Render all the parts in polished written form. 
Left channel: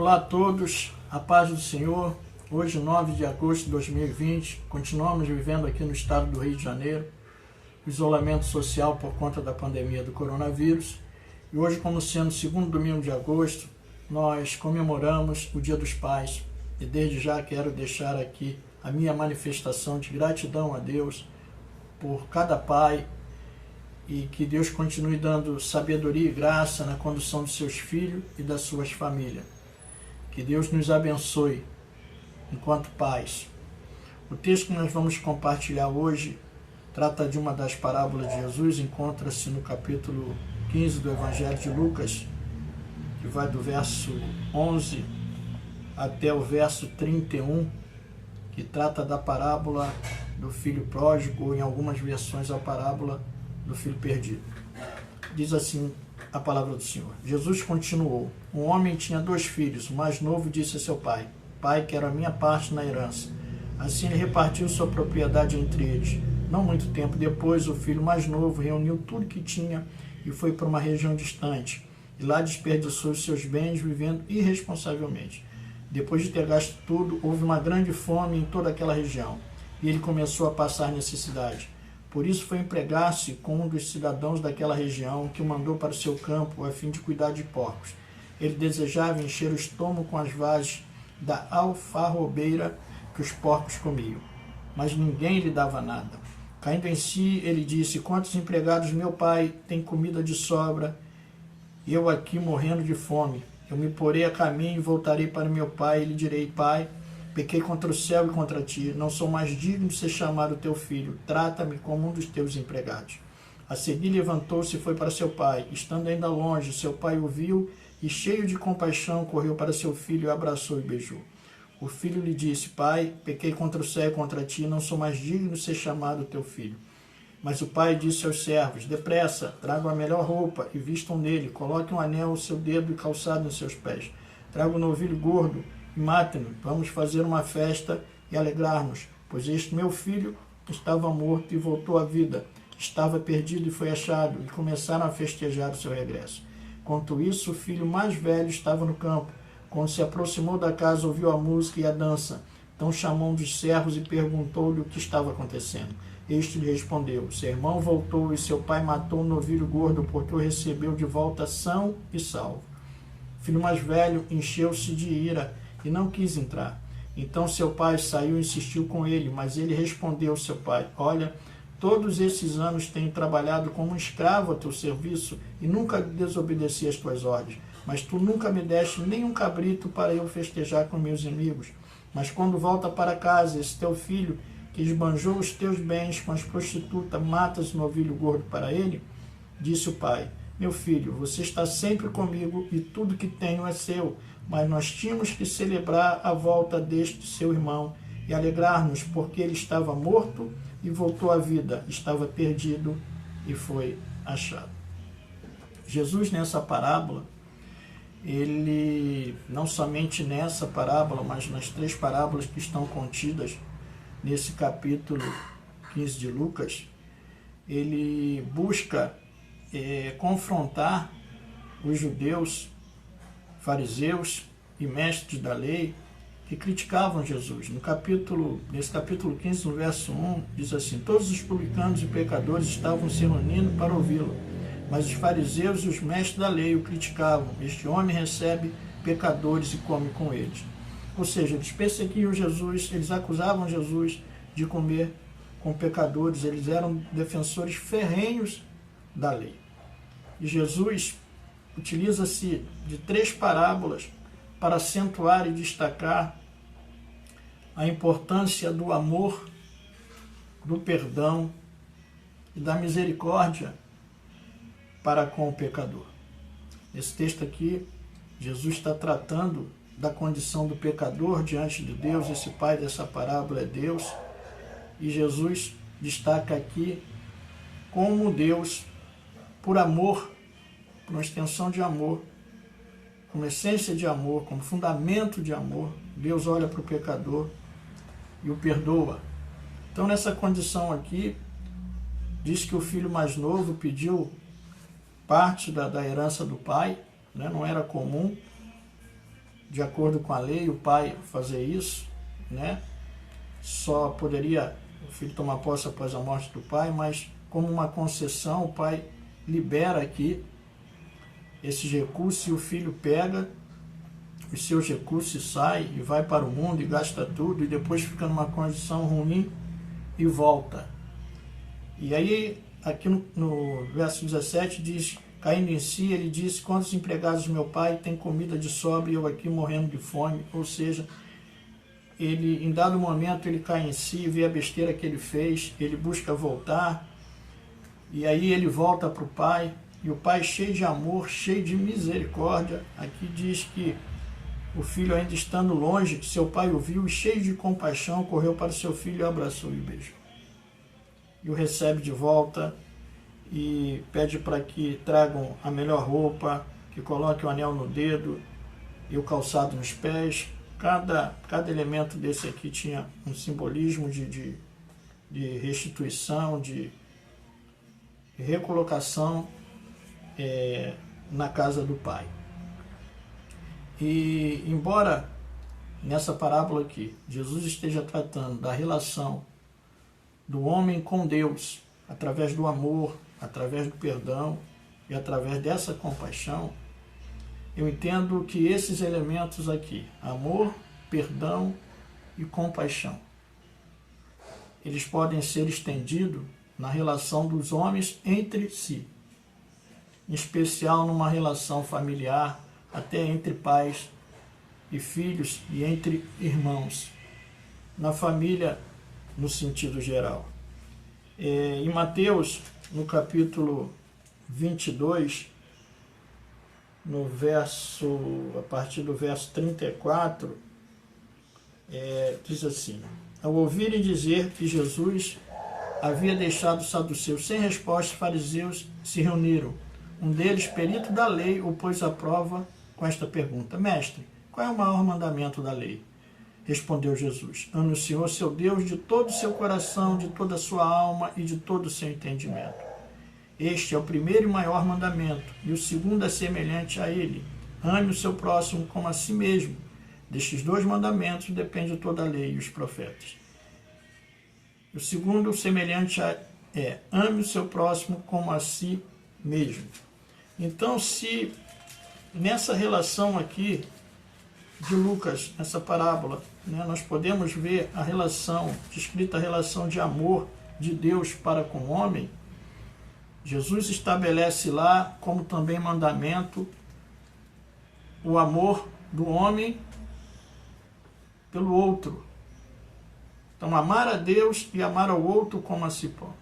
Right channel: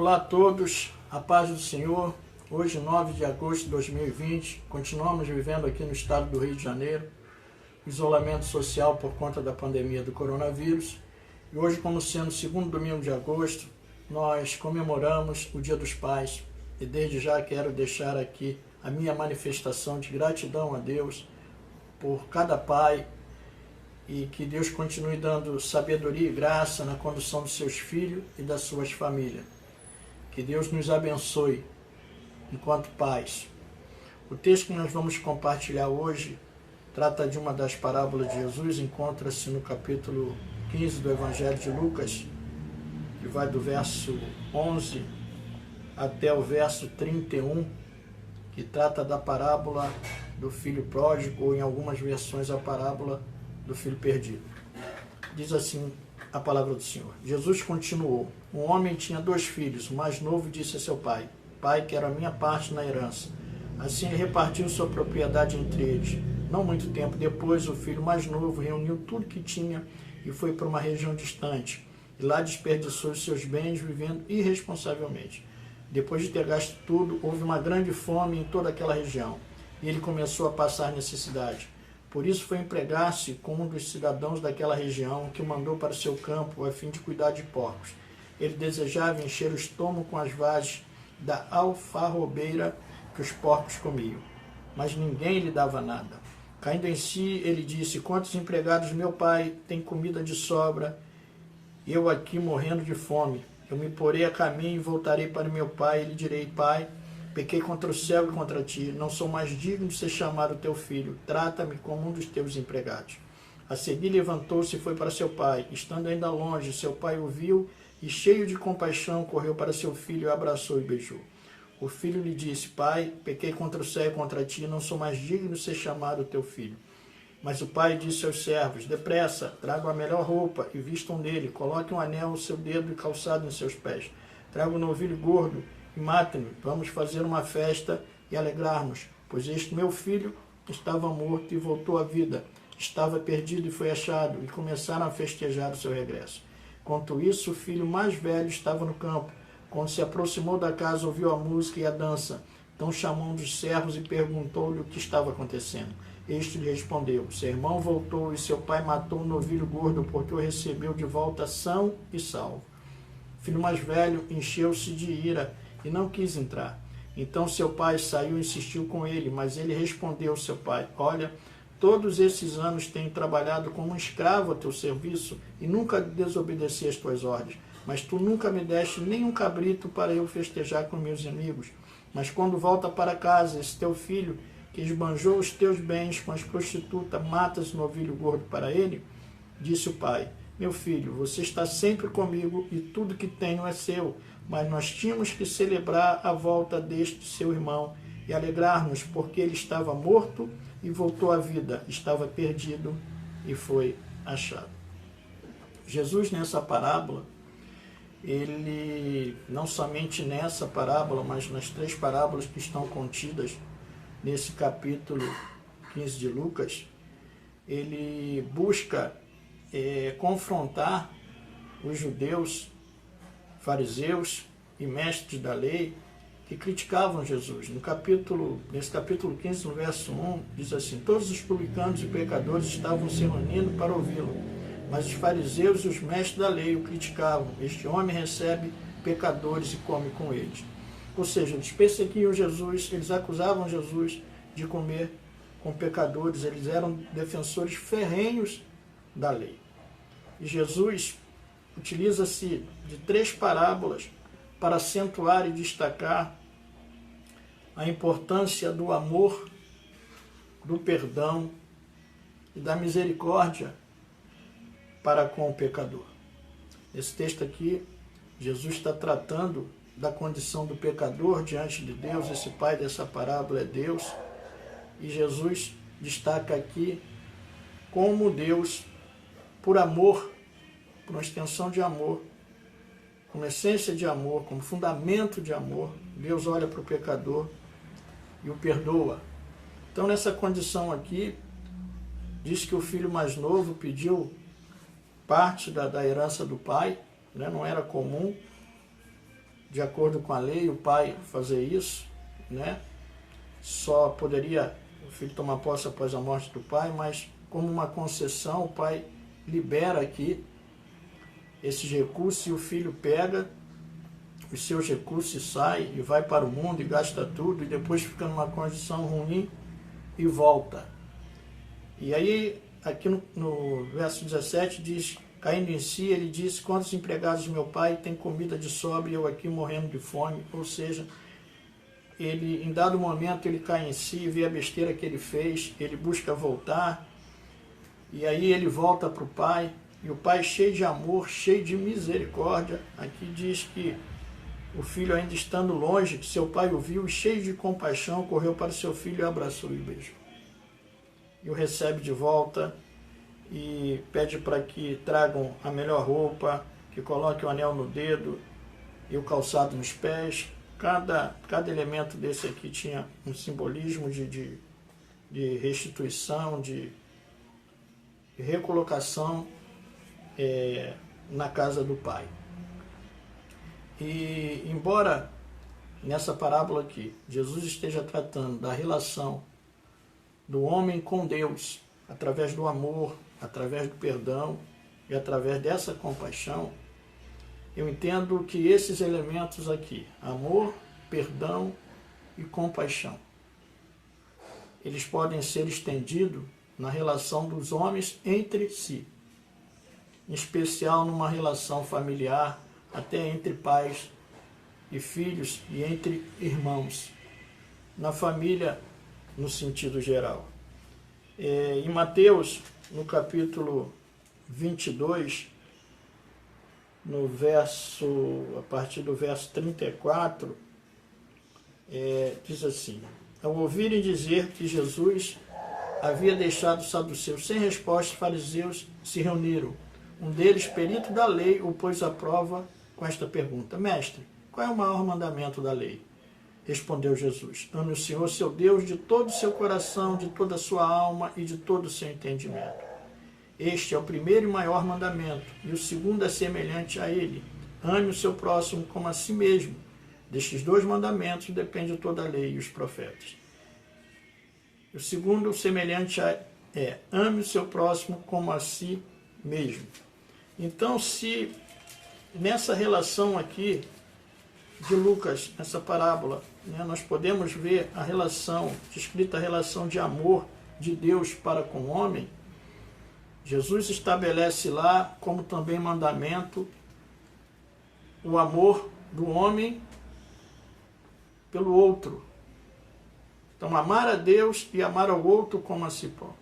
Olá a todos, a paz do Senhor. Hoje, 9 de agosto de 2020, continuamos vivendo aqui no estado do Rio de Janeiro, isolamento social por conta da pandemia do coronavírus. E hoje, como sendo o segundo domingo de agosto, nós comemoramos o Dia dos Pais. E desde já quero deixar aqui a minha manifestação de gratidão a Deus por cada pai, e que Deus continue dando sabedoria e graça na condução dos seus filhos e das suas famílias. Que Deus nos abençoe enquanto pais. O texto que nós vamos compartilhar hoje trata de uma das parábolas de Jesus, encontra-se no capítulo 15 do Evangelho de Lucas, que vai do verso 11 até o verso 31, que trata da parábola do filho pródigo, ou em algumas versões a parábola do filho perdido. Diz assim a palavra do Senhor. Jesus continuou: um homem tinha 2 filhos. O mais novo disse a seu pai: Pai, quero a minha parte na herança. Assim ele repartiu sua propriedade entre eles. Não muito tempo depois, o filho mais novo reuniu tudo que tinha e foi para uma região distante. E lá desperdiçou os seus bens vivendo irresponsavelmente. Depois de ter gasto tudo, houve uma grande fome em toda aquela região, e ele começou a passar necessidade. Por isso foi empregar-se com um dos cidadãos daquela região, que o mandou para o seu campo a fim de cuidar de porcos. Ele desejava encher o estômago com as vagens da alfarrobeira que os porcos comiam, mas ninguém lhe dava nada. Caindo em si, ele disse: quantos empregados meu pai tem comida de sobra, e eu aqui morrendo de fome? Eu me porei a caminho e voltarei para meu pai, e lhe direi: Pai, pequei contra o céu e contra ti, não sou mais digno de ser chamado teu filho, trata-me como um dos teus empregados. A seguir levantou-se e foi para seu pai. Estando ainda longe, seu pai o viu e, cheio de compaixão, correu para seu filho, o abraçou e beijou. O filho lhe disse: Pai, pequei contra o céu e contra ti, não sou mais digno de ser chamado teu filho. Mas o pai disse aos servos: depressa, tragam a melhor roupa e vistam nele, coloquem um anel ao seu dedo e calçado em seus pés. Tragam um novilho gordo e matem-no. Vamos fazer uma festa e alegrar-nos, pois este meu filho estava morto e voltou à vida, estava perdido e foi achado, e começaram a festejar o seu regresso. Enquanto isso, o filho mais velho estava no campo. Quando se aproximou da casa, ouviu a música e a dança. Então chamou um dos servos e perguntou-lhe o que estava acontecendo. Este lhe respondeu: seu irmão voltou e seu pai matou um novilho gordo, porque o recebeu de volta são e salvo. O filho mais velho encheu-se de ira e não quis entrar. Então seu pai saiu e insistiu com ele, mas ele respondeu ao seu pai: olha, todos esses anos tenho trabalhado como um escravo a teu serviço e nunca desobedeci às tuas ordens. Mas tu nunca me deste nem um cabrito para eu festejar com meus amigos. Mas quando volta para casa, esse teu filho, que esbanjou os teus bens com as prostitutas, matas o novilho gordo para ele? Disse o pai: meu filho, você está sempre comigo e tudo que tenho é seu, mas nós tínhamos que celebrar a volta deste seu irmão e alegrar-nos, porque ele estava morto e voltou à vida, estava perdido e foi achado. Jesus, nessa parábola, ele, não somente nessa parábola, mas nas 3 parábolas que estão contidas nesse capítulo 15 de Lucas, ele busca confrontar os judeus, fariseus e mestres da lei que criticavam Jesus. Nesse capítulo 15, no verso 1, diz assim: todos os publicanos e pecadores estavam se reunindo para ouvi-lo, mas os fariseus e os mestres da lei o criticavam. Este homem recebe pecadores e come com eles. Ou seja, eles perseguiam Jesus, eles acusavam Jesus de comer com pecadores, eles eram defensores ferrenhos da lei. E Jesus utiliza-se de 3 parábolas para acentuar e destacar a importância do amor, do perdão e da misericórdia para com o pecador. Esse texto aqui, Jesus está tratando da condição do pecador diante de Deus. Esse pai dessa parábola é Deus, e Jesus destaca aqui como Deus, por amor, por uma extensão de amor, como essência de amor, como fundamento de amor, Deus olha para o pecador e o perdoa. Então, nessa condição aqui, diz que o filho mais novo pediu parte da herança do pai, né? Não era comum de acordo com a lei, o pai fazer isso, né? Só poderia o filho tomar posse após a morte do pai, mas como uma concessão, o pai libera aqui esses recursos e o filho pega os seus recursos e sai e vai para o mundo e gasta tudo e depois fica numa condição ruim e volta. E aí, aqui no verso 17 diz, caindo em si, ele disse, quantos empregados do meu pai têm comida de sobra e eu aqui morrendo de fome? Ou seja, ele, em dado momento, ele cai em si, vê a besteira que ele fez, ele busca voltar, e aí ele volta para o pai, e o pai cheio de amor, cheio de misericórdia, aqui diz que o filho ainda estando longe, seu pai o viu e cheio de compaixão, correu para o seu filho e abraçou e o beijou. E o recebe de volta e pede para que tragam a melhor roupa, que coloquem o anel no dedo e o calçado nos pés. Cada elemento desse aqui tinha um simbolismo de restituição, de recolocação na casa do pai. E embora nessa parábola aqui Jesus esteja tratando da relação do homem com Deus, através do amor, através do perdão e através dessa compaixão, eu entendo que esses elementos aqui, amor, perdão e compaixão, eles podem ser estendidos na relação dos homens entre si, em especial numa relação familiar, até entre pais e filhos e entre irmãos, na família no sentido geral. Em Mateus, no capítulo 22, a partir do verso 34, diz assim, ao ouvirem dizer que Jesus havia deixado os saduceus sem resposta, os fariseus se reuniram. Um deles, perito da lei, o pôs à prova com esta pergunta, mestre, qual é o maior mandamento da lei? Respondeu Jesus, ame o Senhor, seu Deus, de todo o seu coração, de toda a sua alma e de todo o seu entendimento. Este é o primeiro e maior mandamento, e o segundo é semelhante a ele. Ame o seu próximo como a si mesmo. Destes dois mandamentos depende toda a lei e os profetas. O segundo, semelhante ame o seu próximo como a si mesmo. Então, se nessa relação aqui de Lucas, essa parábola, nós podemos ver a relação, descrita a relação de amor de Deus para com o homem, Jesus estabelece lá como também mandamento o amor do homem pelo outro. Então, amar a Deus e amar ao outro como a si próprio.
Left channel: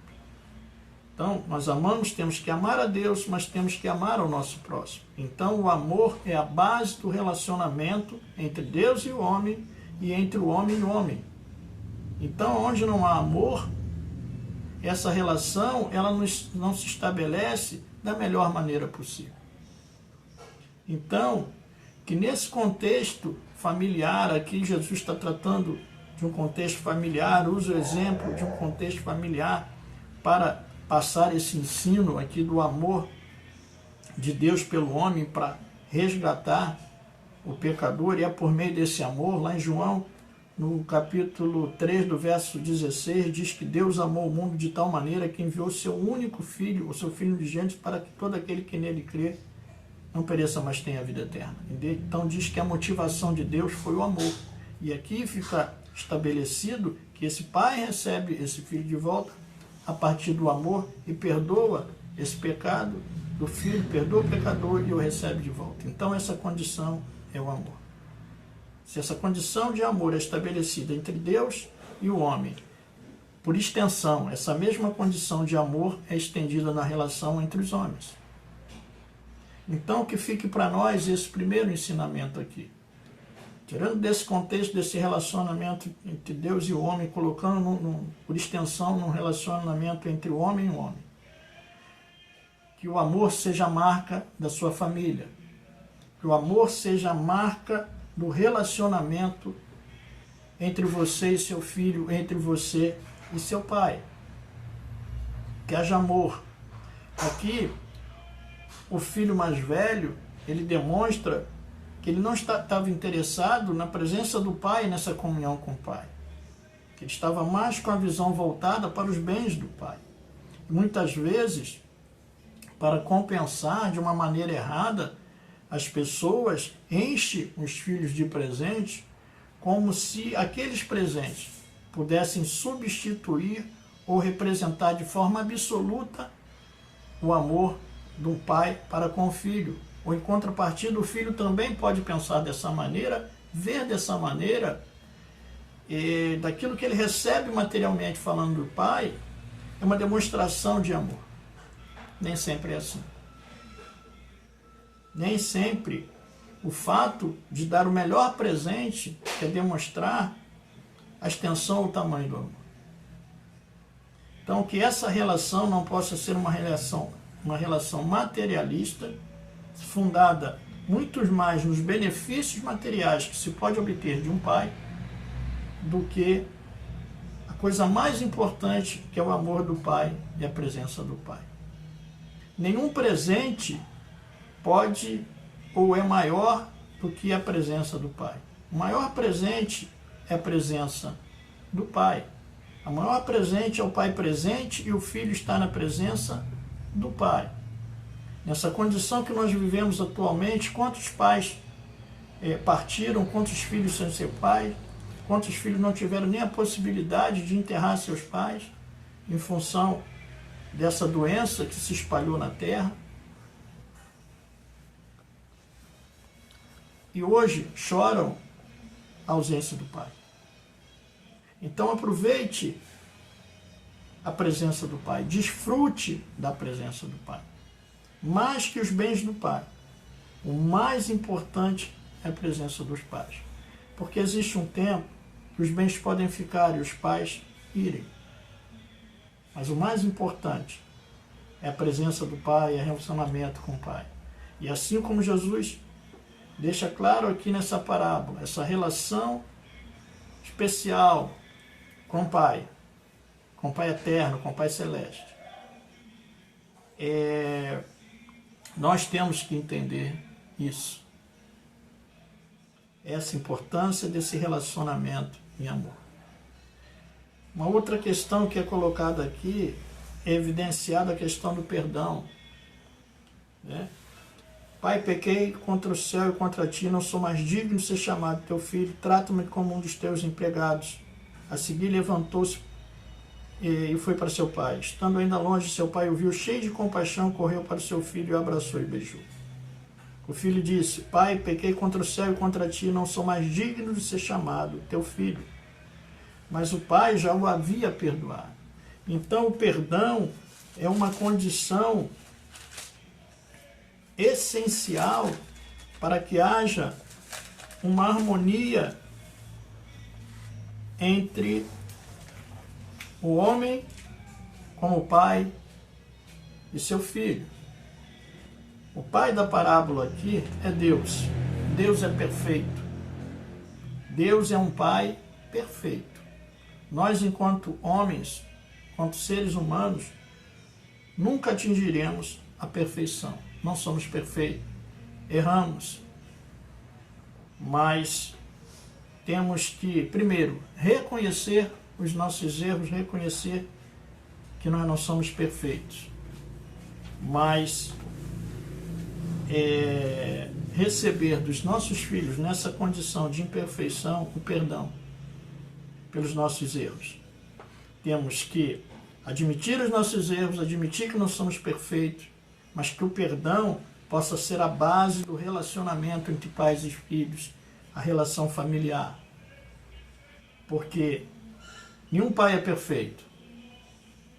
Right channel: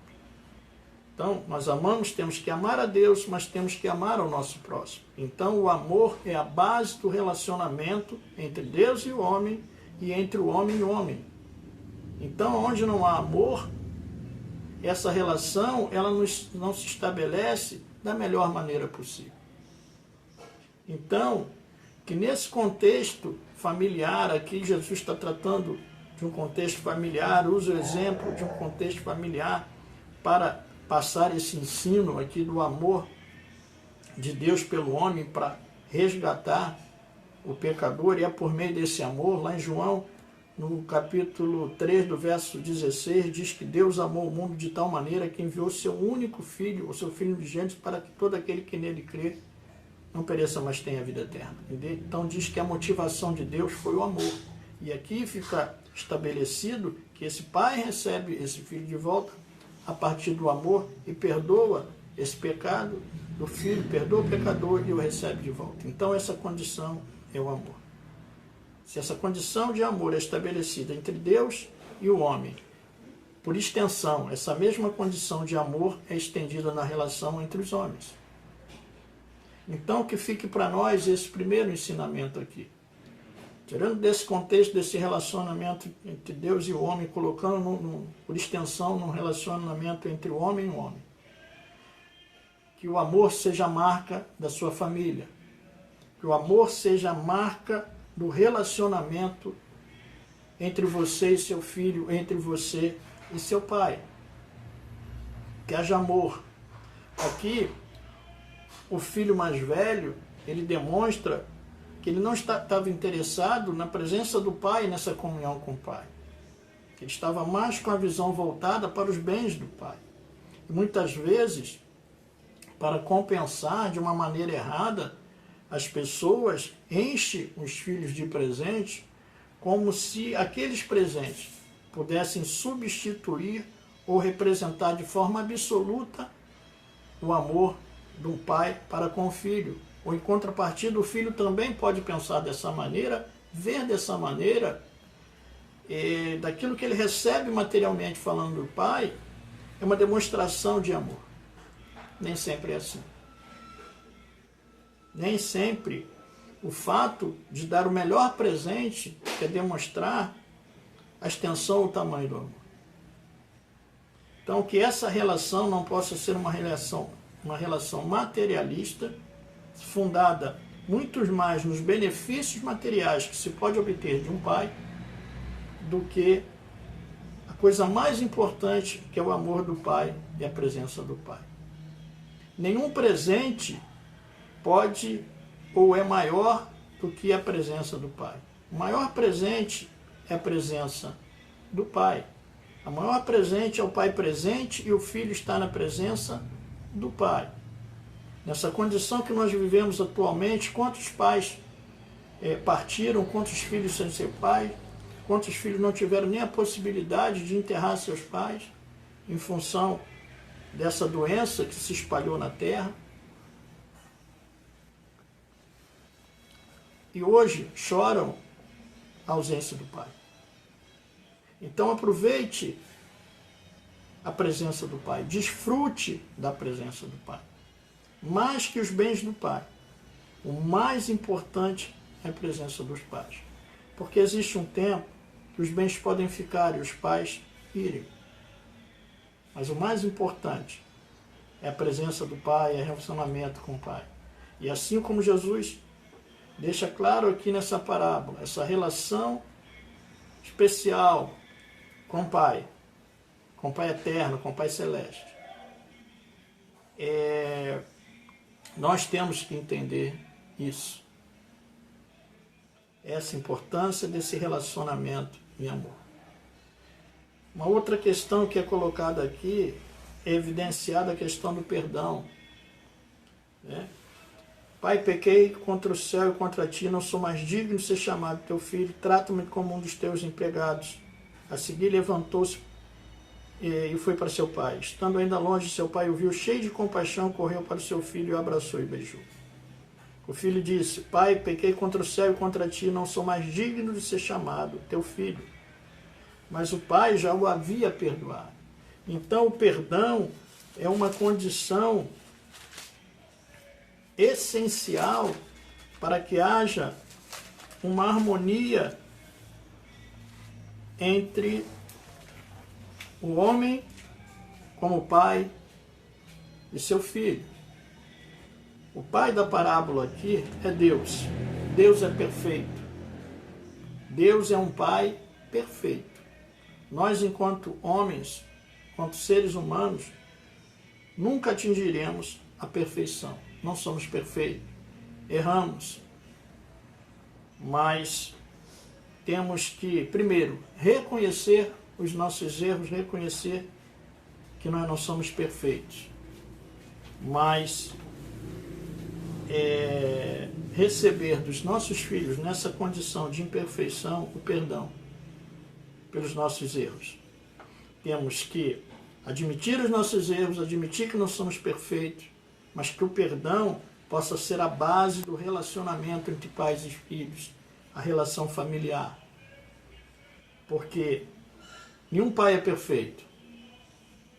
Então, nós amamos, temos que amar a Deus, mas temos que amar ao nosso próximo. Então, o amor é a base do relacionamento entre Deus e o homem e entre o homem e o homem. Então, onde não há amor, essa relação ela não se estabelece da melhor maneira possível. Então, que nesse contexto familiar, aqui Jesus está tratando de um contexto familiar, usa o exemplo de um contexto familiar para passar esse ensino aqui do amor de Deus pelo homem para resgatar o pecador, e é por meio desse amor, lá em João, no capítulo 3, do verso 16, diz que Deus amou o mundo de tal maneira que enviou seu único filho, o seu filho unigênito, para que todo aquele que nele crê não pereça, mas tenha a vida eterna. Então diz que a motivação de Deus foi o amor. E aqui fica estabelecido que esse pai recebe esse filho de volta a partir do amor e perdoa esse pecado do filho, perdoa o pecador e o recebe de volta. Então essa condição é o amor. Se essa condição de amor é estabelecida entre Deus e o homem, por extensão, essa mesma condição de amor é estendida na relação entre os homens. Então, que fique para nós esse primeiro ensinamento aqui. Tirando desse contexto, desse relacionamento entre Deus e o homem, colocando por extensão num relacionamento entre o homem e o homem. Que o amor seja a marca da sua família. Que o amor seja a marca do relacionamento entre você e seu filho, entre você e seu pai. Que haja amor. Aqui, o filho mais velho, ele demonstra que que ele não estava interessado na presença do pai, nessa comunhão com o pai. Que ele estava mais com a visão voltada para os bens do pai. E muitas vezes, para compensar de uma maneira errada, as pessoas enchem os filhos de presentes como se aqueles presentes pudessem substituir ou representar de forma absoluta o amor de um pai para com o filho. Ou em contrapartida, o filho também pode pensar dessa maneira, ver dessa maneira, daquilo que ele recebe materialmente falando do pai, é uma demonstração de amor. Nem sempre é assim. Nem sempre o fato de dar o melhor presente quer demonstrar a extensão ou o tamanho do amor. Então, que essa relação não possa ser uma relação materialista, fundada muito mais nos benefícios materiais que se pode obter de um pai, do que a coisa mais importante, que é o amor do pai e a presença do pai. Nenhum presente pode ou é maior do que a presença do pai. O maior presente é a presença do pai. O maior presente é o pai presente e o filho está na presença do pai. Nessa condição que nós vivemos atualmente, quantos pais partiram, quantos filhos sem ser pai, quantos filhos não tiveram nem a possibilidade de enterrar seus pais em função dessa doença que se espalhou na terra. E hoje choram a ausência do pai. Então aproveite a presença do pai, desfrute da presença do pai. Mais que os bens do pai, o mais importante é a presença dos pais. Porque existe um tempo que os bens podem ficar e os pais irem. Mas o mais importante é a presença do pai, é o relacionamento com o pai. E assim como Jesus deixa claro aqui nessa parábola, essa relação especial com o pai eterno, com o pai celeste. Nós temos que entender isso. Essa importância desse relacionamento em amor. Uma outra questão que é colocada aqui é evidenciada a questão do perdão. Pai, pequei contra o céu e contra ti, não sou mais digno de ser chamado teu filho, trata-me como um dos teus empregados. A seguir levantou-se e foi para seu pai. Estando ainda longe, seu pai o viu cheio de compaixão, correu para o seu filho, o abraçou e beijou. O filho disse, pai, pequei contra o céu e contra ti, não sou mais digno de ser chamado teu filho. Mas o pai já o havia perdoado. Então o perdão é uma condição essencial para que haja uma harmonia entre o homem como pai e seu filho. O pai da parábola aqui é Deus. Deus é perfeito. Deus é um pai perfeito. Nós, enquanto homens, enquanto seres humanos, nunca atingiremos a perfeição. Não somos perfeitos. Erramos. Mas temos que, primeiro, reconhecer os nossos erros, reconhecer que nós não somos perfeitos. Mas receber dos nossos filhos, nessa condição de imperfeição, o perdão pelos nossos erros. Temos que admitir os nossos erros, admitir que não somos perfeitos, mas que o perdão possa ser a base do relacionamento entre pais e filhos, a relação familiar. Porque nenhum pai é perfeito,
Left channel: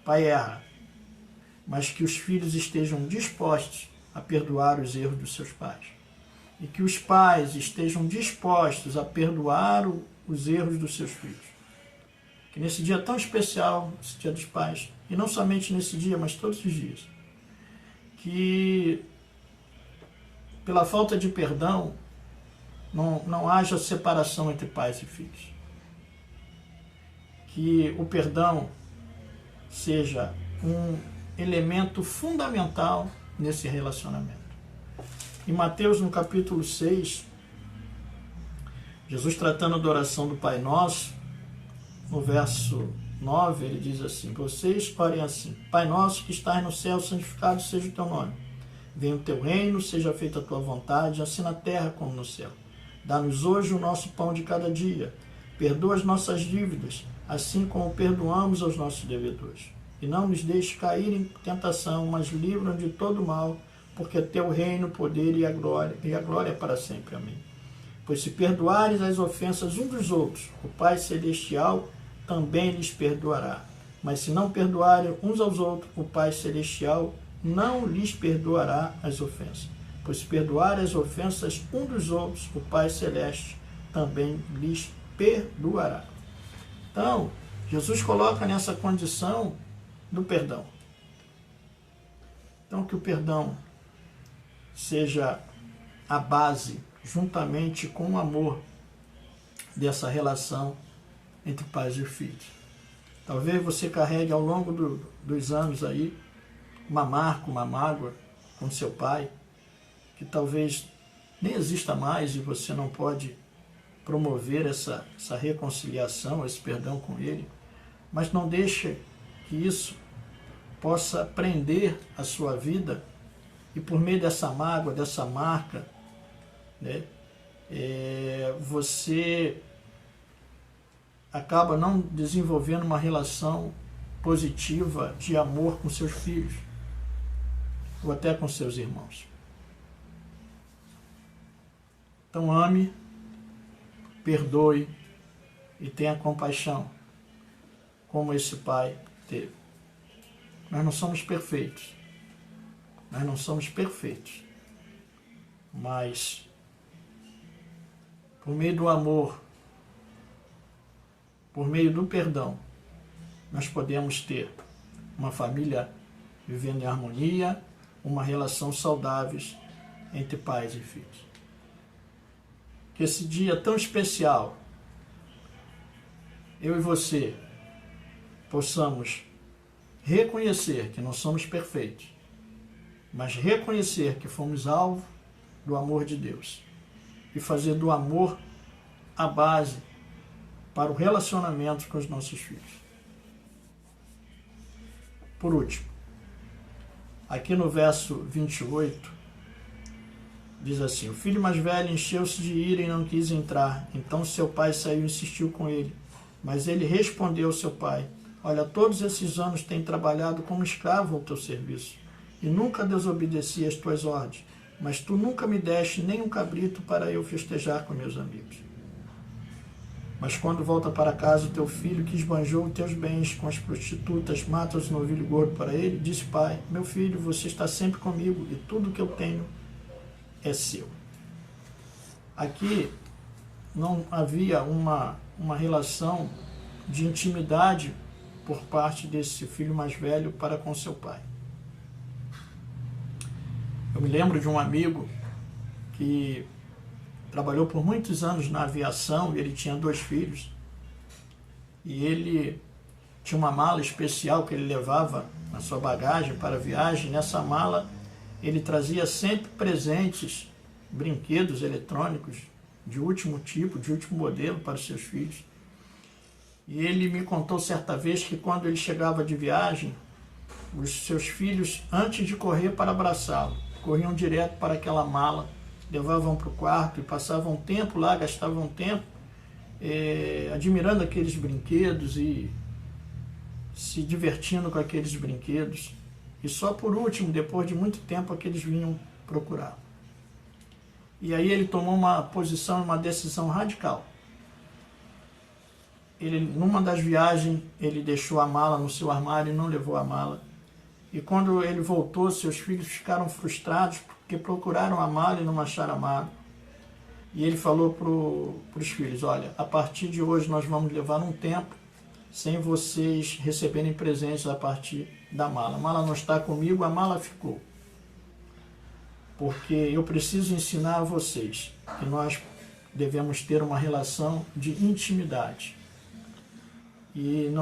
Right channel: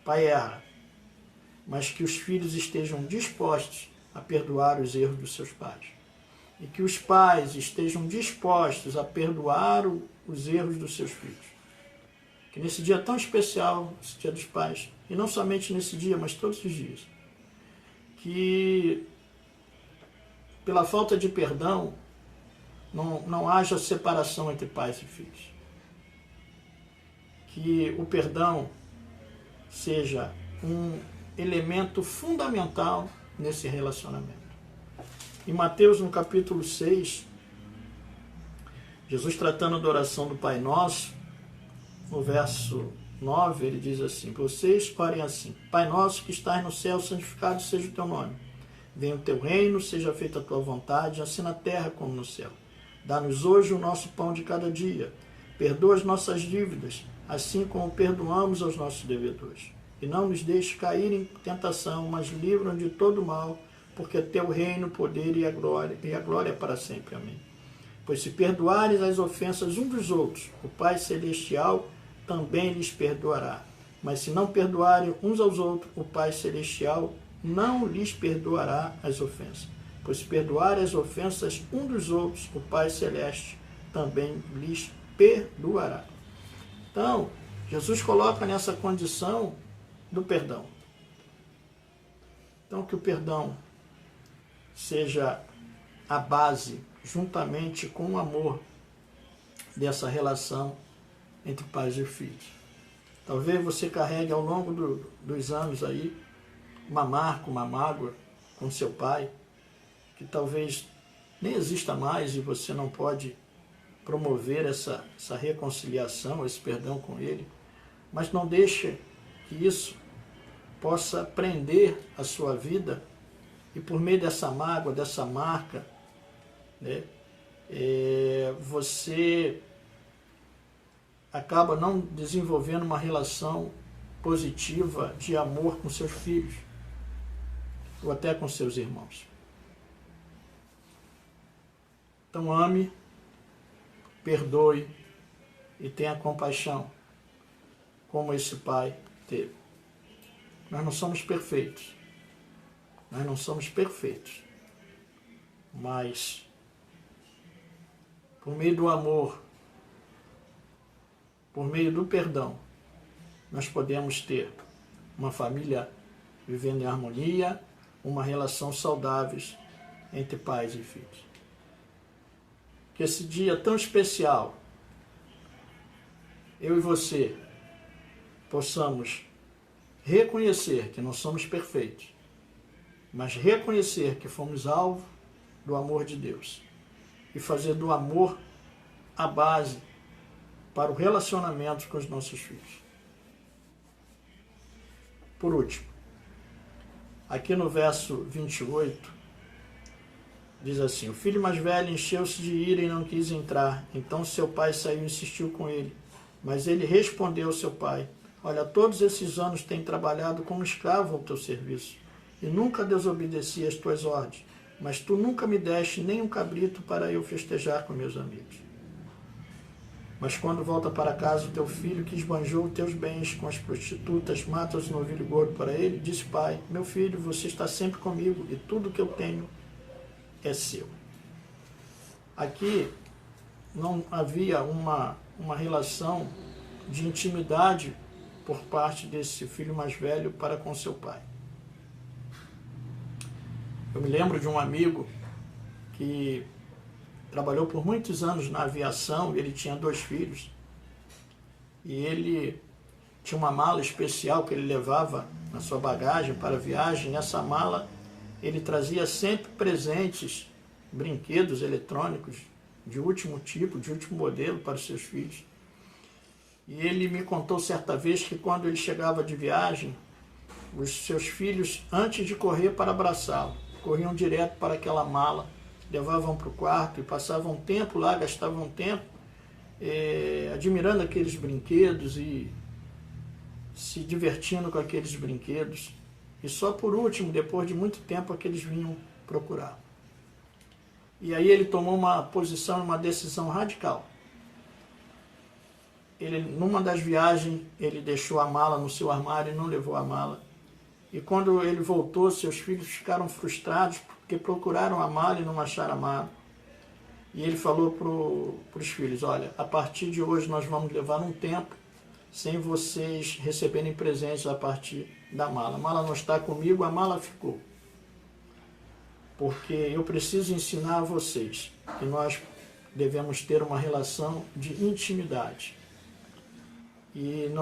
pai erra, mas que os filhos estejam dispostos a perdoar os erros dos seus pais. E que os pais estejam dispostos a perdoar os erros dos seus filhos. Que nesse dia tão especial, esse dia dos pais, e não somente nesse dia, mas todos os dias, que pela falta de perdão não haja separação entre pais e filhos. Que o perdão seja um elemento fundamental nesse relacionamento. Em Mateus, no capítulo 6, Jesus, tratando da oração do Pai Nosso, no verso 9, ele diz assim: vocês orem assim: Pai Nosso que estás no céu, santificado seja o teu nome. Venha o teu reino, seja feita a tua vontade, assim na terra como no céu. Dá-nos hoje o nosso pão de cada dia. Perdoa as nossas dívidas, assim como perdoamos aos nossos devedores. E não nos deixe cair em tentação, mas livra-nos de todo mal, porque é teu reino, o poder e a glória para sempre. Amém. Pois se perdoares as ofensas uns dos outros, o Pai Celestial também lhes perdoará. Mas se não perdoarem uns aos outros, o Pai Celestial não lhes perdoará as ofensas. Pois se perdoarem as ofensas uns dos outros, o Pai Celeste também lhes perdoará. Então, Jesus coloca nessa condição do perdão. Então, que o perdão seja a base, juntamente com o amor, dessa relação entre pais e filhos. Talvez você carregue ao longo dos anos aí uma marca, uma mágoa com seu pai, que talvez nem exista mais e você não pode promover essa reconciliação, esse perdão com ele, mas não deixe que isso possa prender a sua vida e por meio dessa mágoa, dessa marca, né, você acaba não desenvolvendo uma relação positiva de amor com seus filhos ou até com seus irmãos. Então ame, perdoe e tenha compaixão, como esse pai teve. Nós não somos perfeitos. Nós não somos perfeitos. Mas, por meio do amor, por meio do perdão, nós podemos ter uma família vivendo em harmonia, uma relação saudável entre pais e filhos. Que esse dia tão especial, eu e você possamos reconhecer que não somos perfeitos, mas reconhecer que fomos alvo do amor de Deus e fazer do amor a base para o relacionamento com os nossos filhos. Por último, aqui no verso 28, diz assim: o filho mais velho encheu-se de ira e não quis entrar. Então seu pai saiu e insistiu com ele. Mas ele respondeu ao seu pai: olha, todos esses anos tenho trabalhado como escravo ao teu serviço e nunca desobedeci às tuas ordens, mas tu nunca me deste nem um cabrito para eu festejar com meus amigos. Mas quando volta para casa o teu filho que esbanjou os teus bens com as prostitutas, mata os novilho gordo para ele, diz: pai, meu filho, você está sempre comigo e tudo que eu tenho é seu. Aqui não havia uma relação de intimidade por parte desse filho mais velho para com seu pai. Eu me lembro de um amigo que trabalhou por muitos anos na aviação e ele tinha 2 filhos. E ele tinha uma mala especial que ele levava na sua bagagem para a viagem. Nessa mala ele trazia sempre presentes, brinquedos eletrônicos de último tipo, de último modelo para os seus filhos. E ele me contou certa vez que quando ele chegava de viagem, os seus filhos, antes de correr para abraçá-lo, corriam direto para aquela mala, levavam para o quarto e passavam tempo lá, gastavam tempo admirando aqueles brinquedos e se divertindo com aqueles brinquedos. E só por último, depois de muito tempo, é que eles vinham procurar. E aí ele tomou uma posição, uma decisão radical. Ele, numa das viagens, ele deixou a mala no seu armário e não levou a mala. E quando ele voltou, seus filhos ficaram frustrados porque procuraram a mala e não acharam a mala. E ele falou para os filhos: olha, a partir de hoje nós vamos levar um tempo sem vocês receberem presentes a partir da mala. A mala não está comigo, a mala ficou. Porque eu preciso ensinar a vocês que nós devemos ter uma relação de intimidade. E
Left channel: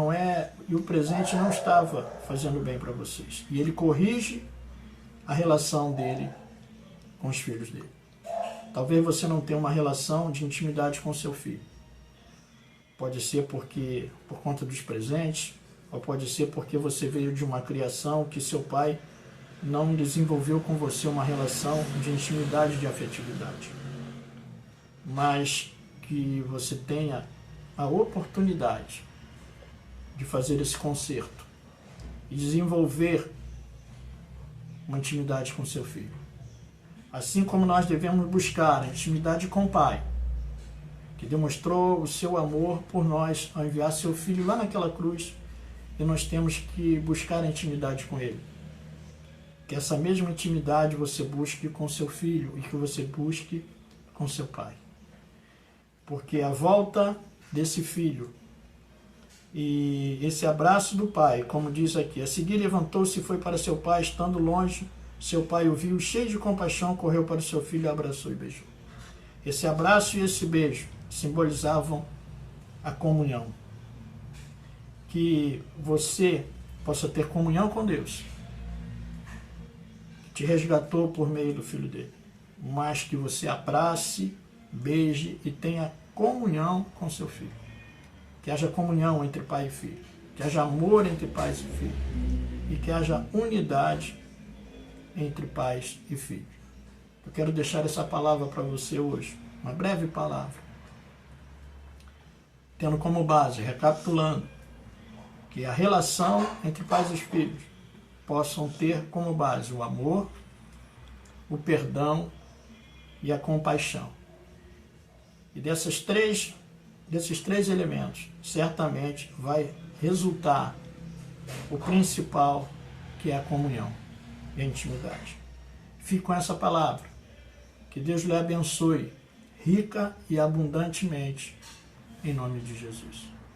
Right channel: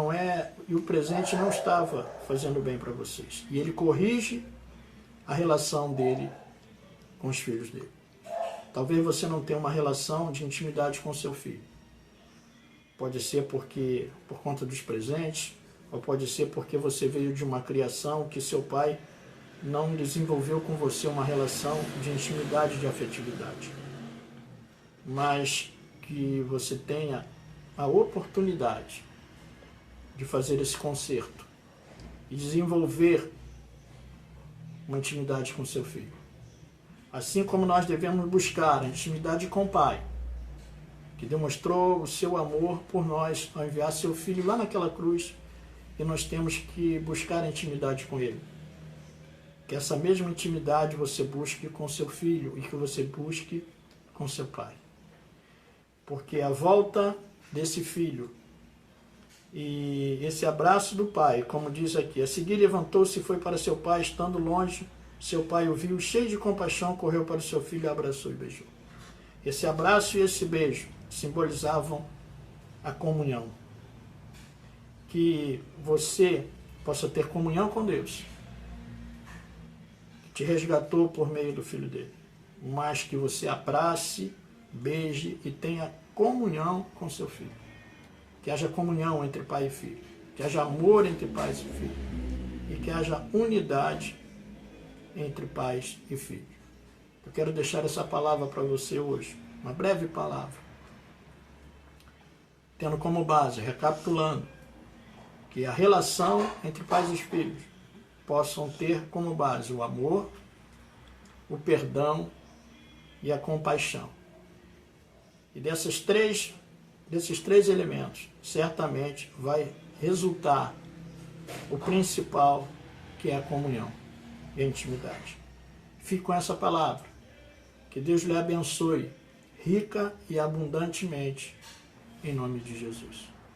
o presente não estava fazendo bem para vocês. E ele corrige a relação dele com os filhos dele. Talvez você não tenha uma relação de intimidade com seu filho. Pode ser por conta dos presentes, ou pode ser porque você veio de uma criação que seu pai não desenvolveu com você uma relação de intimidade, de afetividade. Mas que você tenha a oportunidade de fazer esse conserto e desenvolver uma intimidade com seu filho. Assim como nós devemos buscar a intimidade com o Pai, que demonstrou o seu amor por nós ao enviar seu Filho lá naquela cruz, e nós temos que buscar a intimidade com Ele. Que essa mesma intimidade você busque com seu Filho e que você busque com seu Pai. Porque a volta desse Filho e esse abraço do Pai, como diz aqui, a seguir levantou-se e foi para seu pai, estando longe, seu pai o viu, cheio de compaixão, correu para o seu filho, abraçou e beijou. Esse abraço e esse beijo simbolizavam a comunhão. Que você possa ter comunhão com Deus, que te resgatou por meio do Filho dele, mas que você abrace, beije e tenha comunhão com seu filho. Que haja comunhão entre pai e filho, que haja amor entre pais e filhos, e que haja unidade entre pais e filhos. Eu quero deixar essa palavra para você hoje, uma breve palavra, tendo como base, recapitulando, que a relação entre pais e filhos possam ter como base o amor, o perdão e a compaixão. E desses três elementos, certamente vai resultar o principal, que é a comunhão e a intimidade. Fique com essa palavra. Que Deus lhe abençoe rica e abundantemente, em nome de Jesus.